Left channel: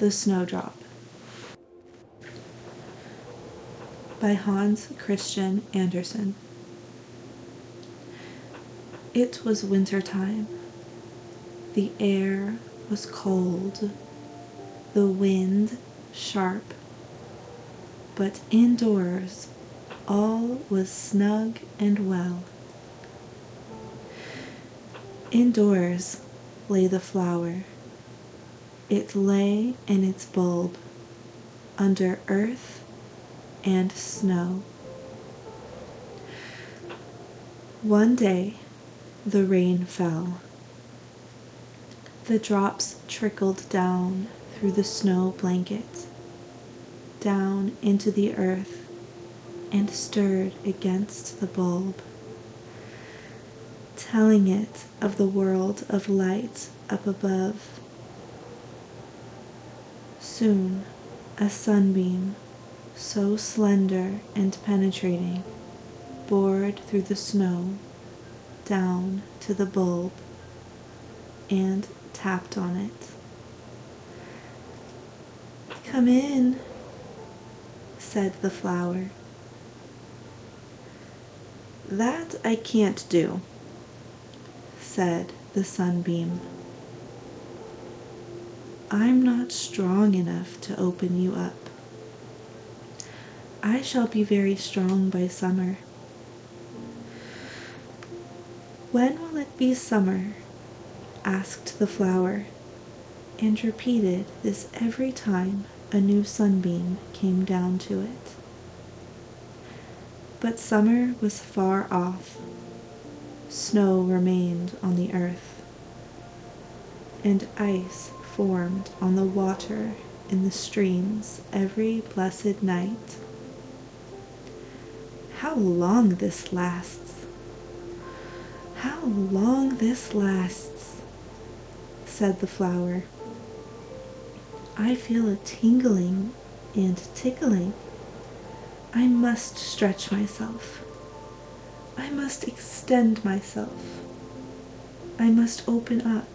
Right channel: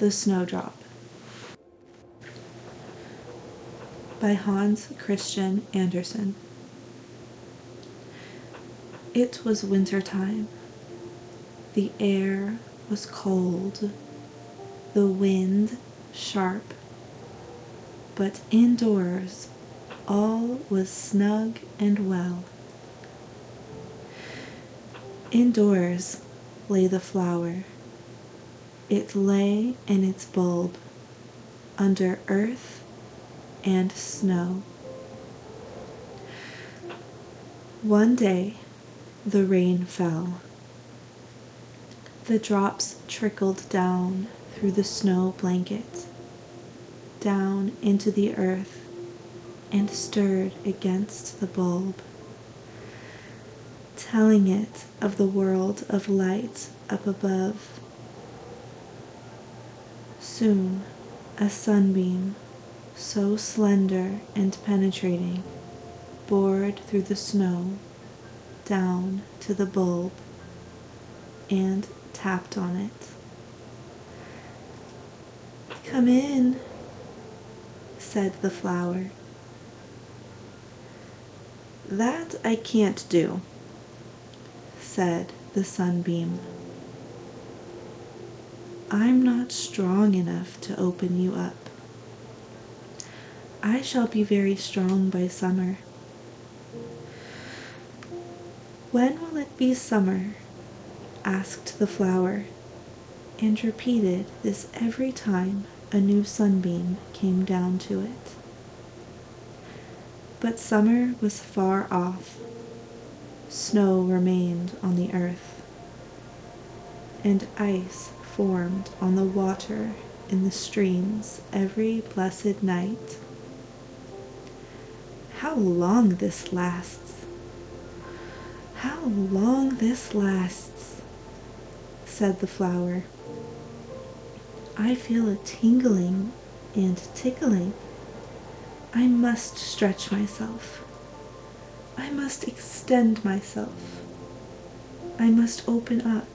The Snowdrop by Hans Christian Andersen. It was winter time. The air was cold, the wind sharp, but indoors all was snug and well. Indoors lay the flower. It lay in its bulb, under earth and snow. One day the rain fell. The drops trickled down through the snow blanket, down into the earth, and stirred against the bulb, telling it of the world of light up above. Soon a sunbeam, so slender and penetrating, bored through the snow down to the bulb and tapped on it. "Come in," said the flower. "That I can't do," said the sunbeam. "I'm not strong enough to open you up. I shall be very strong by summer." "When will it be summer?" asked the flower, and repeated this every time a new sunbeam came down to it. But summer was far off. Snow remained on the earth, and ice formed on the water in the streams every blessed night. "How long this lasts! How long this lasts!" said the flower. "I feel a tingling and tickling. I must stretch myself. I must extend myself. I must open up.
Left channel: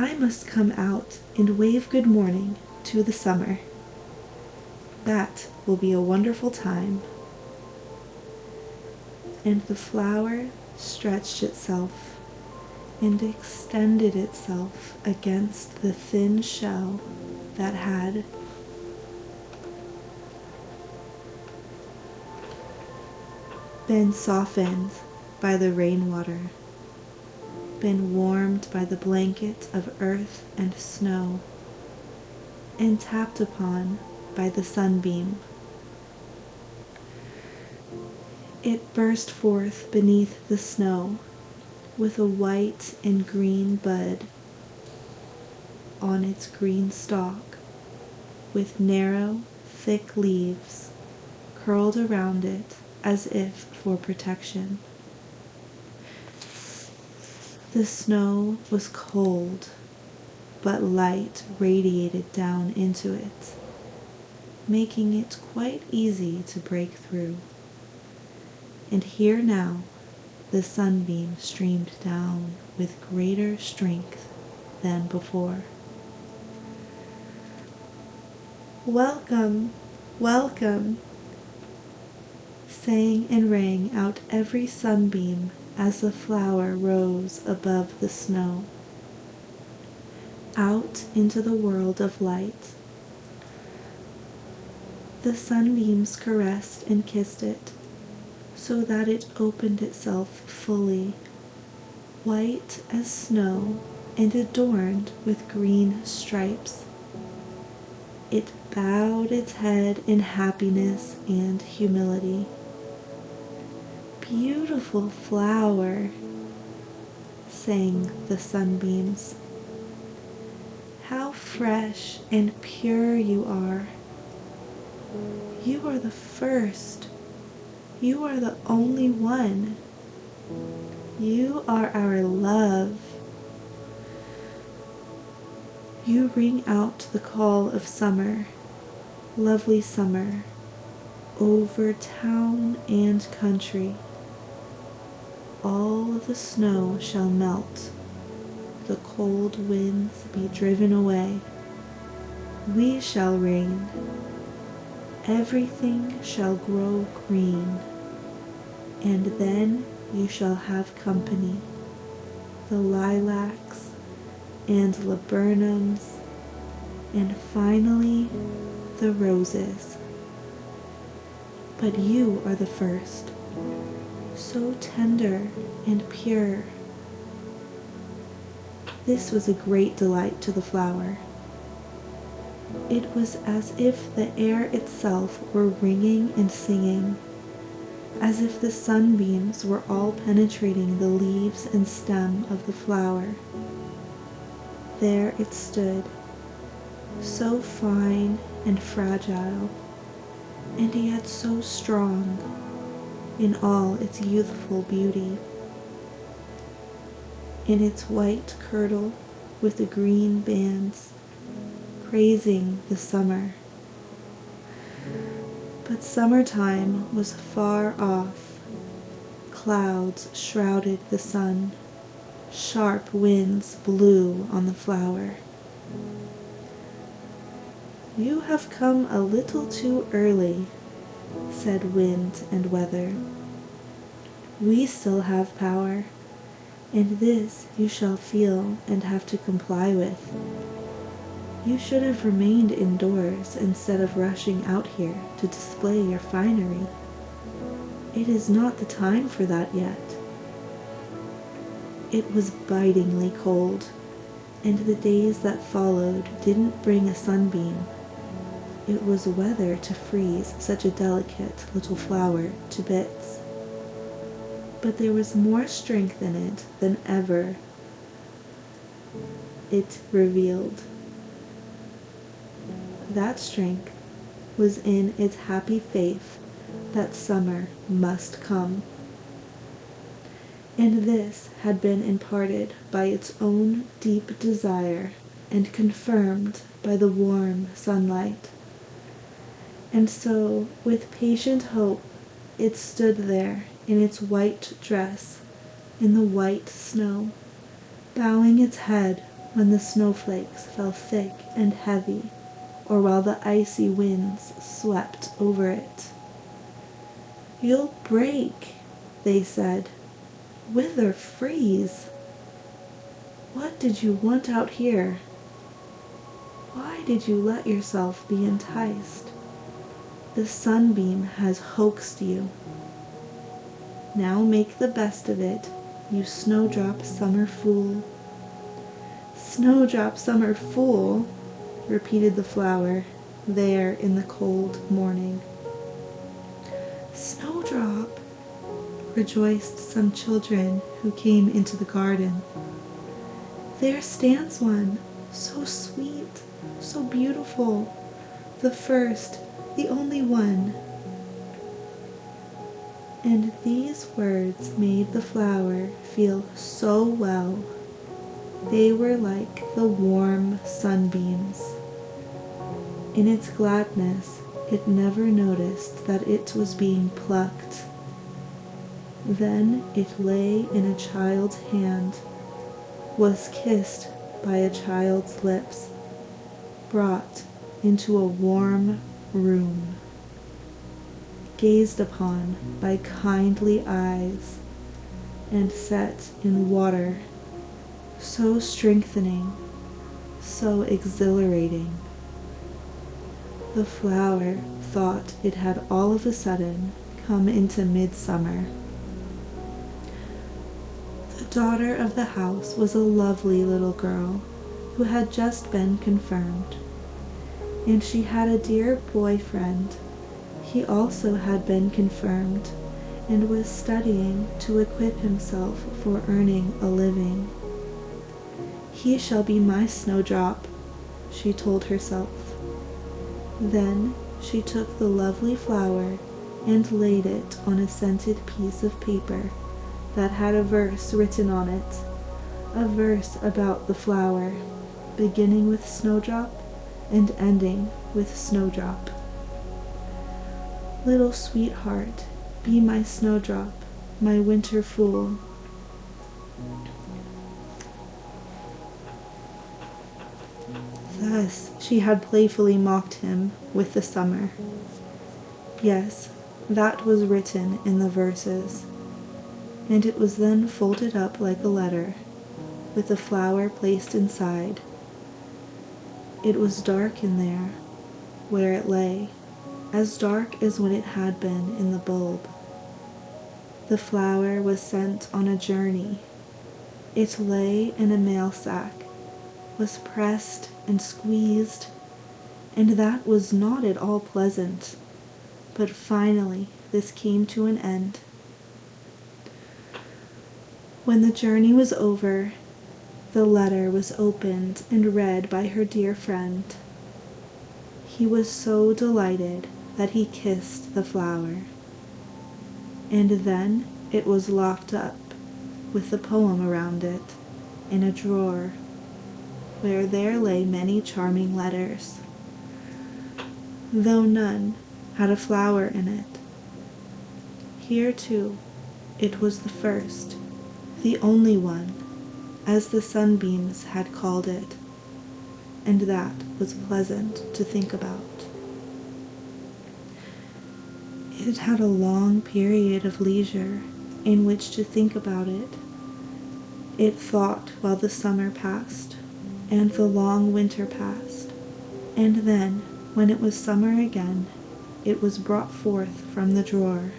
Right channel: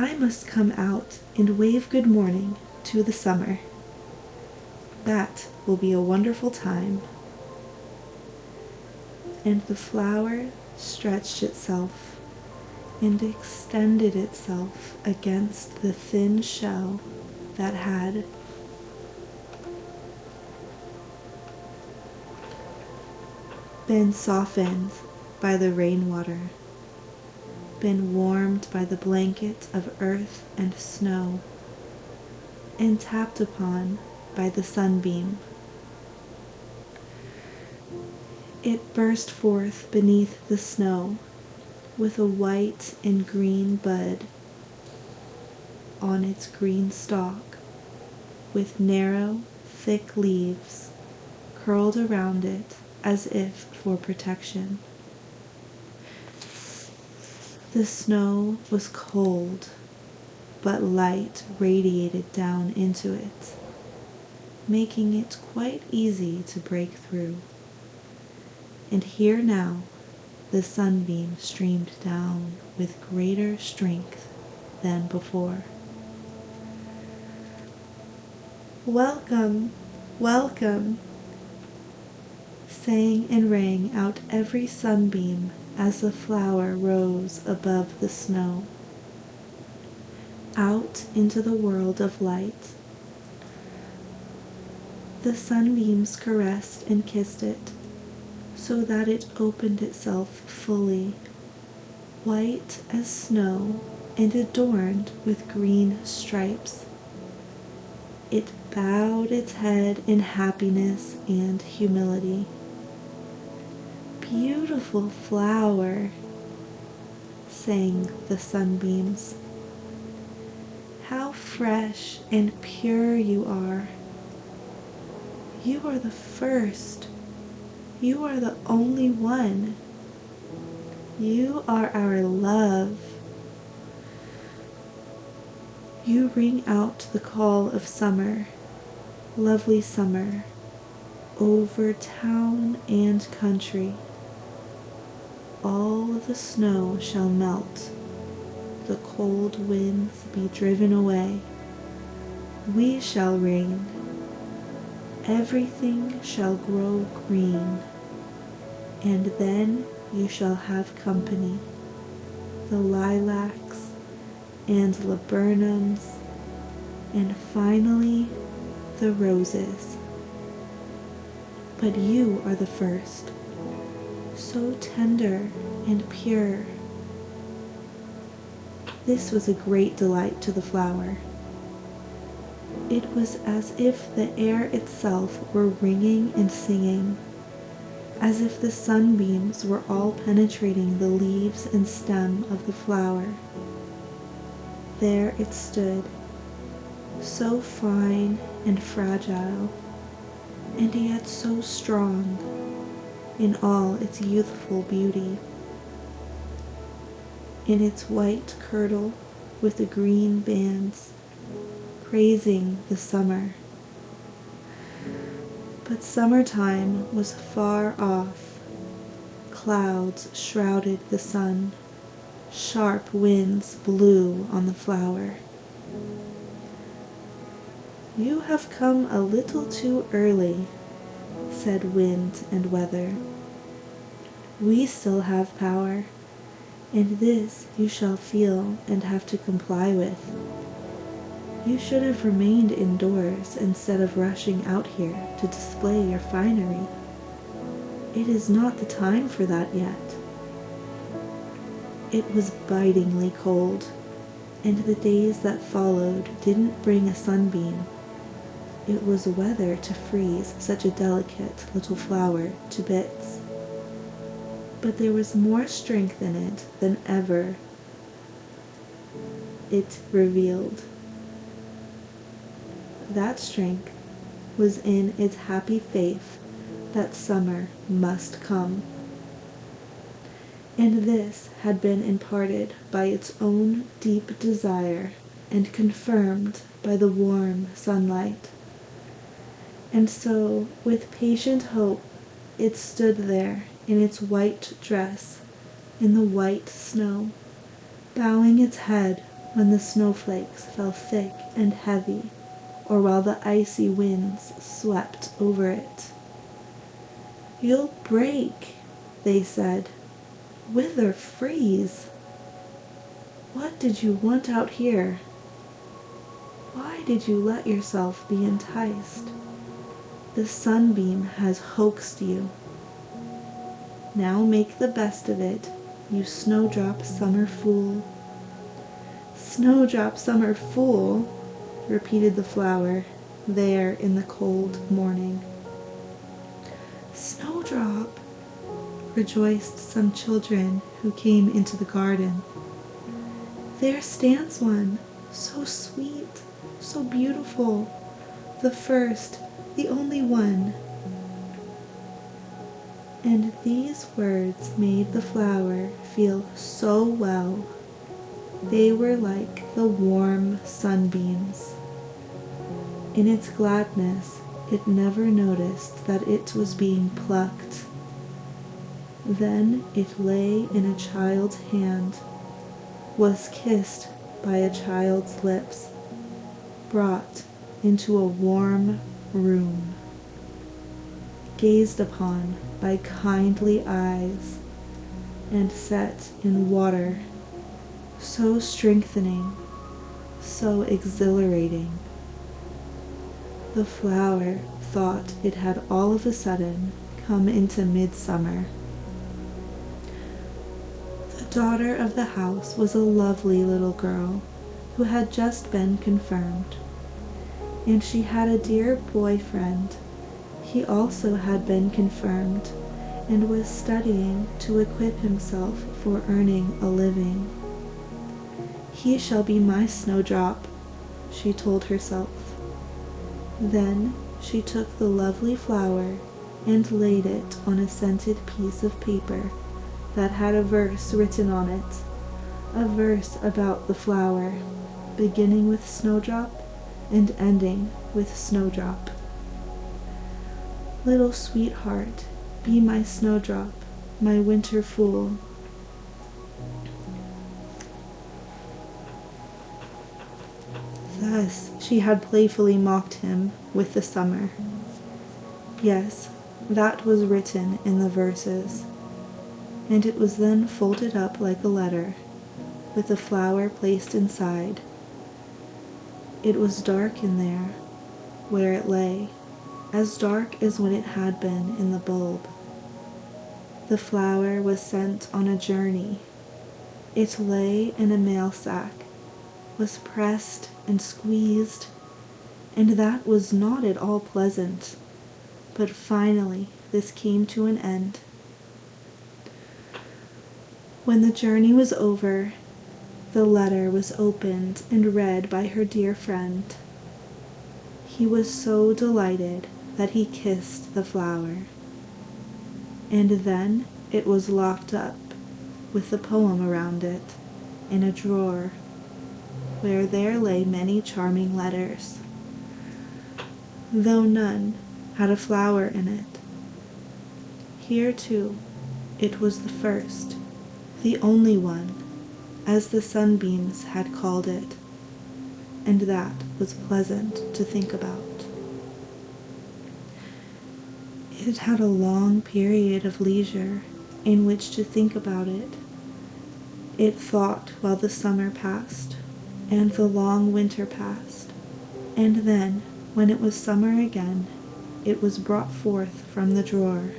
I must come out and wave good morning to the summer. That will be a wonderful time." And the flower stretched itself and extended itself against the thin shell that had been softened by the rainwater, been warmed by the blanket of earth and snow, and tapped upon by the sunbeam. It burst forth beneath the snow with a white and green bud on its green stalk, with narrow, thick leaves curled around it as if for protection. The snow was cold, but light radiated down into it, making it quite easy to break through. And here now the sunbeam streamed down with greater strength than before. "Welcome, welcome," sang and rang out every sunbeam as the flower rose above the snow, out into the world of light. The sunbeams caressed and kissed it, so that it opened itself fully, white as snow and adorned with green stripes. It bowed its head in happiness and humility. "Beautiful flower," sang the sunbeams. "How fresh and pure you are. You are the first. You are the only one. You are our love. You ring out the call of summer, lovely summer, over town and country. All the snow shall melt, the cold winds be driven away, We shall reign. Everything shall grow green, and then you shall have company, the lilacs and laburnums, and finally the roses. But you are the first, so tender and pure. This was a great delight to the flower. It was as if the air itself were ringing and singing, as if the sunbeams were all penetrating the leaves and stem of the flower. There it stood, so fine and fragile, and yet so strong in all its youthful beauty. In its white kirtle with the green bands, praising the summer. But summertime was far off. Clouds shrouded the sun. Sharp winds blew on the flower. "You have come a little too early," said wind and weather. "We still have power, and this you shall feel and have to comply with. You should have remained indoors instead of rushing out here to display your finery. It is not the time for that yet." It was bitingly cold, and the days that followed didn't bring a sunbeam. It was weather to freeze such a delicate little flower to bits. But there was more strength in it than ever it revealed. That strength was in its happy faith that summer must come. And this had been imparted by its own deep desire and confirmed by the warm sunlight. And so, with patient hope, it stood there in its white dress, in the white snow, bowing its head when the snowflakes fell thick and heavy, or while the icy winds swept over it. "You'll break," they said. "Wither, freeze. What did you want out here? Why did you let yourself be enticed? The sunbeam has hoaxed you. Now make the best of it, you snowdrop summer fool." "Snowdrop summer fool," repeated the flower, there in the cold morning. "Snowdrop," rejoiced some children who came into the garden. "There stands one, so sweet, so beautiful, the first, the only one." And these words made the flower feel so well. They were like the warm sunbeams. In its gladness, it never noticed that it was being plucked. Then it lay in a child's hand, was kissed by a child's lips, brought into a warm room, gazed upon by kindly eyes, and set in water so strengthening, so exhilarating. The flower thought it had all of a sudden come into midsummer. The daughter of the house was a lovely little girl who had just been confirmed, and she had a dear boyfriend. He also had been confirmed and was studying to equip himself for earning a living. "He shall be my snowdrop," she told herself. Then she took the lovely flower and laid it on a scented piece of paper that had a verse written on it, a verse about the flower, beginning with snowdrop and ending with snowdrop. "Little sweetheart, be my snowdrop, my winter fool." Thus she had playfully mocked him with the summer. Yes, that was written in the verses, and it was then folded up like a letter, with the flower placed inside. It was dark in there, where it lay, as dark as when it had been in the bulb. The flower was sent on a journey. It lay in a mail sack, was pressed and squeezed, and that was not at all pleasant. But finally this came to an end. When the journey was over, the letter was opened and read by her dear friend. He was so delighted that he kissed the flower. And then it was locked up, with the poem around it, in a drawer, where there lay many charming letters, though none had a flower in it. Here, too, it was the first, the only one, as the sunbeams had called it, and that was pleasant to think about. It had a long period of leisure in which to think about it. It thought while the summer passed, and the long winter passed, and then, when it was summer again, it was brought forth from the drawer.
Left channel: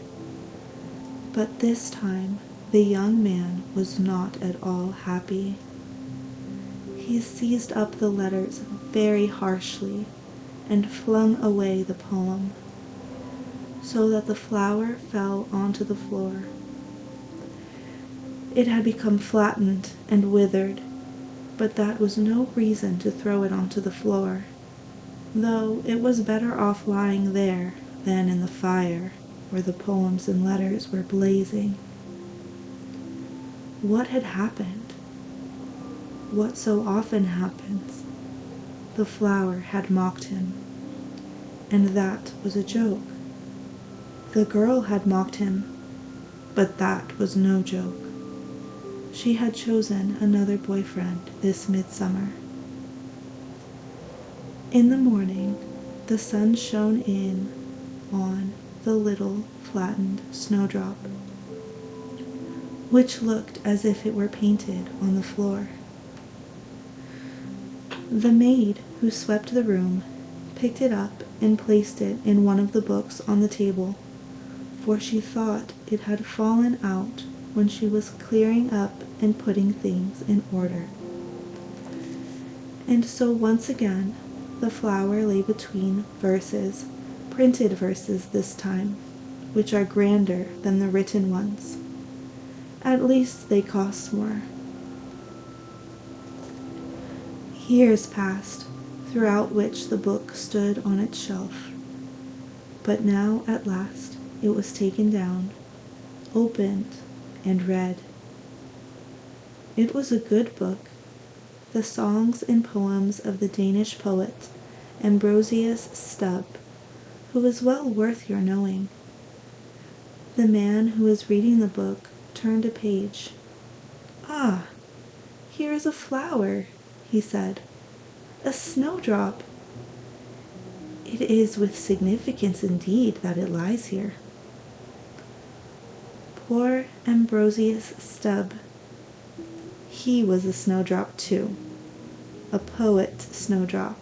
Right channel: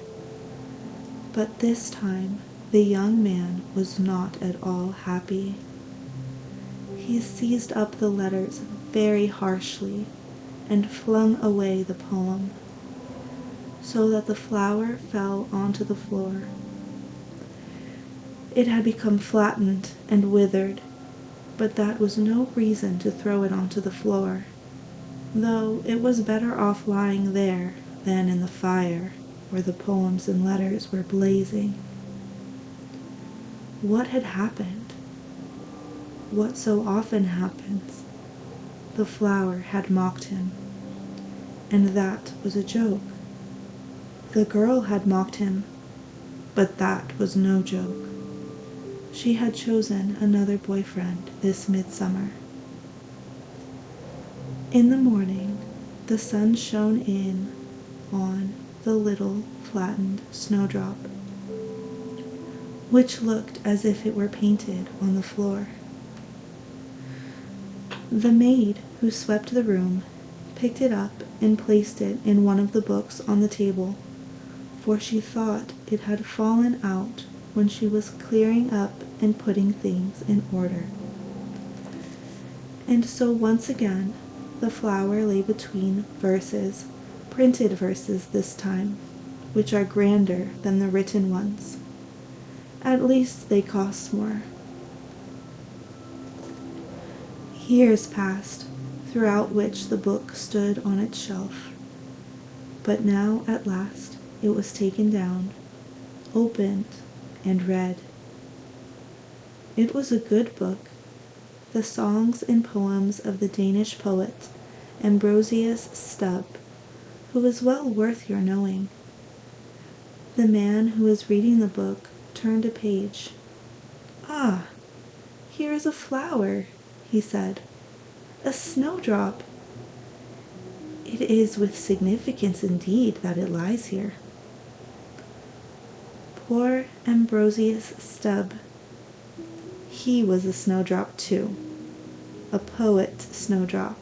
But this time the young man was not at all happy. He seized up the letters very harshly and flung away the poem, so that the flower fell onto the floor. It had become flattened and withered, but that was no reason to throw it onto the floor, though it was better off lying there than in the fire where the poems and letters were blazing. What had happened? What so often happens? The flower had mocked him, and that was a joke. The girl had mocked him, but that was no joke. She had chosen another boyfriend this midsummer. In the morning, the sun shone in on the little flattened snowdrop, which looked as if it were painted on the floor. The maid who swept the room picked it up and placed it in one of the books on the table, for she thought it had fallen out when she was clearing up and putting things in order. And so once again the flower lay between verses, printed verses this time, which are grander than the written ones. At least they cost more. Years passed, throughout which the book stood on its shelf. But now, at last, it was taken down, opened, and read. It was a good book, the songs and poems of the Danish poet Ambrosius Stubb, who is well worth your knowing. The man who was reading the book turned a page. "Ah, here is a flower," he said. "A snowdrop. It is with significance indeed that it lies here." Poor Ambrosius Stubb. He was a snowdrop too, a poet snowdrop.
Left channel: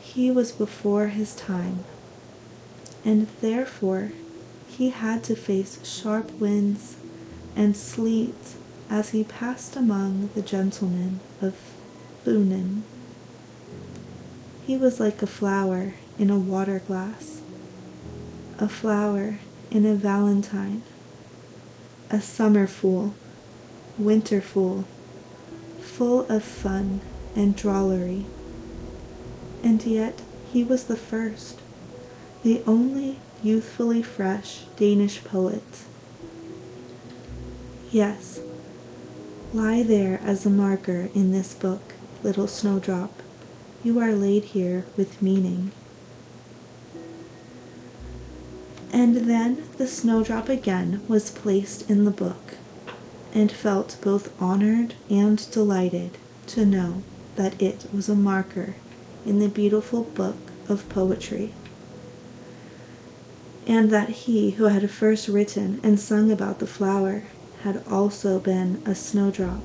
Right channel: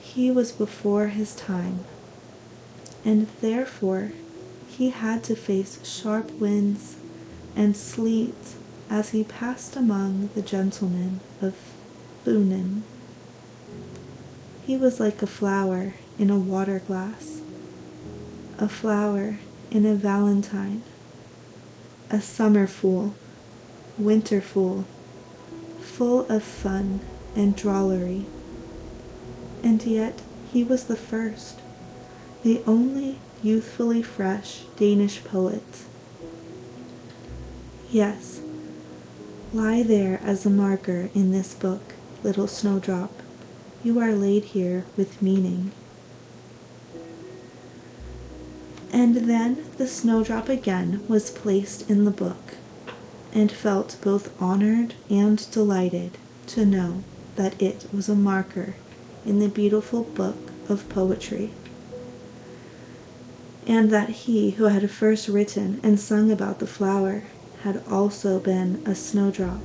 He was before his time, and therefore he had to face sharp winds and sleet as he passed among the gentlemen of Funen. He was like a flower in a water glass, a flower in a valentine, a summer fool, winter fool, full of fun and drollery. And yet he was the first, the only youthfully fresh Danish poet. Yes, lie there as a marker in this book, little snowdrop. You are laid here with meaning. And then the snowdrop again was placed in the book, and felt both honored and delighted to know that it was a marker in the beautiful book of poetry, and that he who had first written and sung about the flower had also been a snowdrop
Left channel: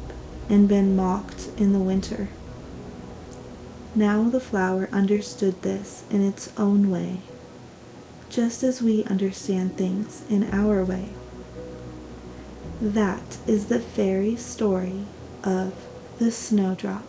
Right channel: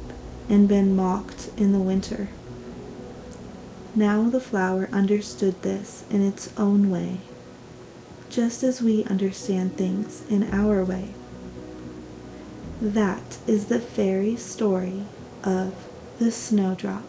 and been mocked in the winter. Now the flower understood this in its own way, just as we understand things in our way. That is the fairy story of the snowdrop.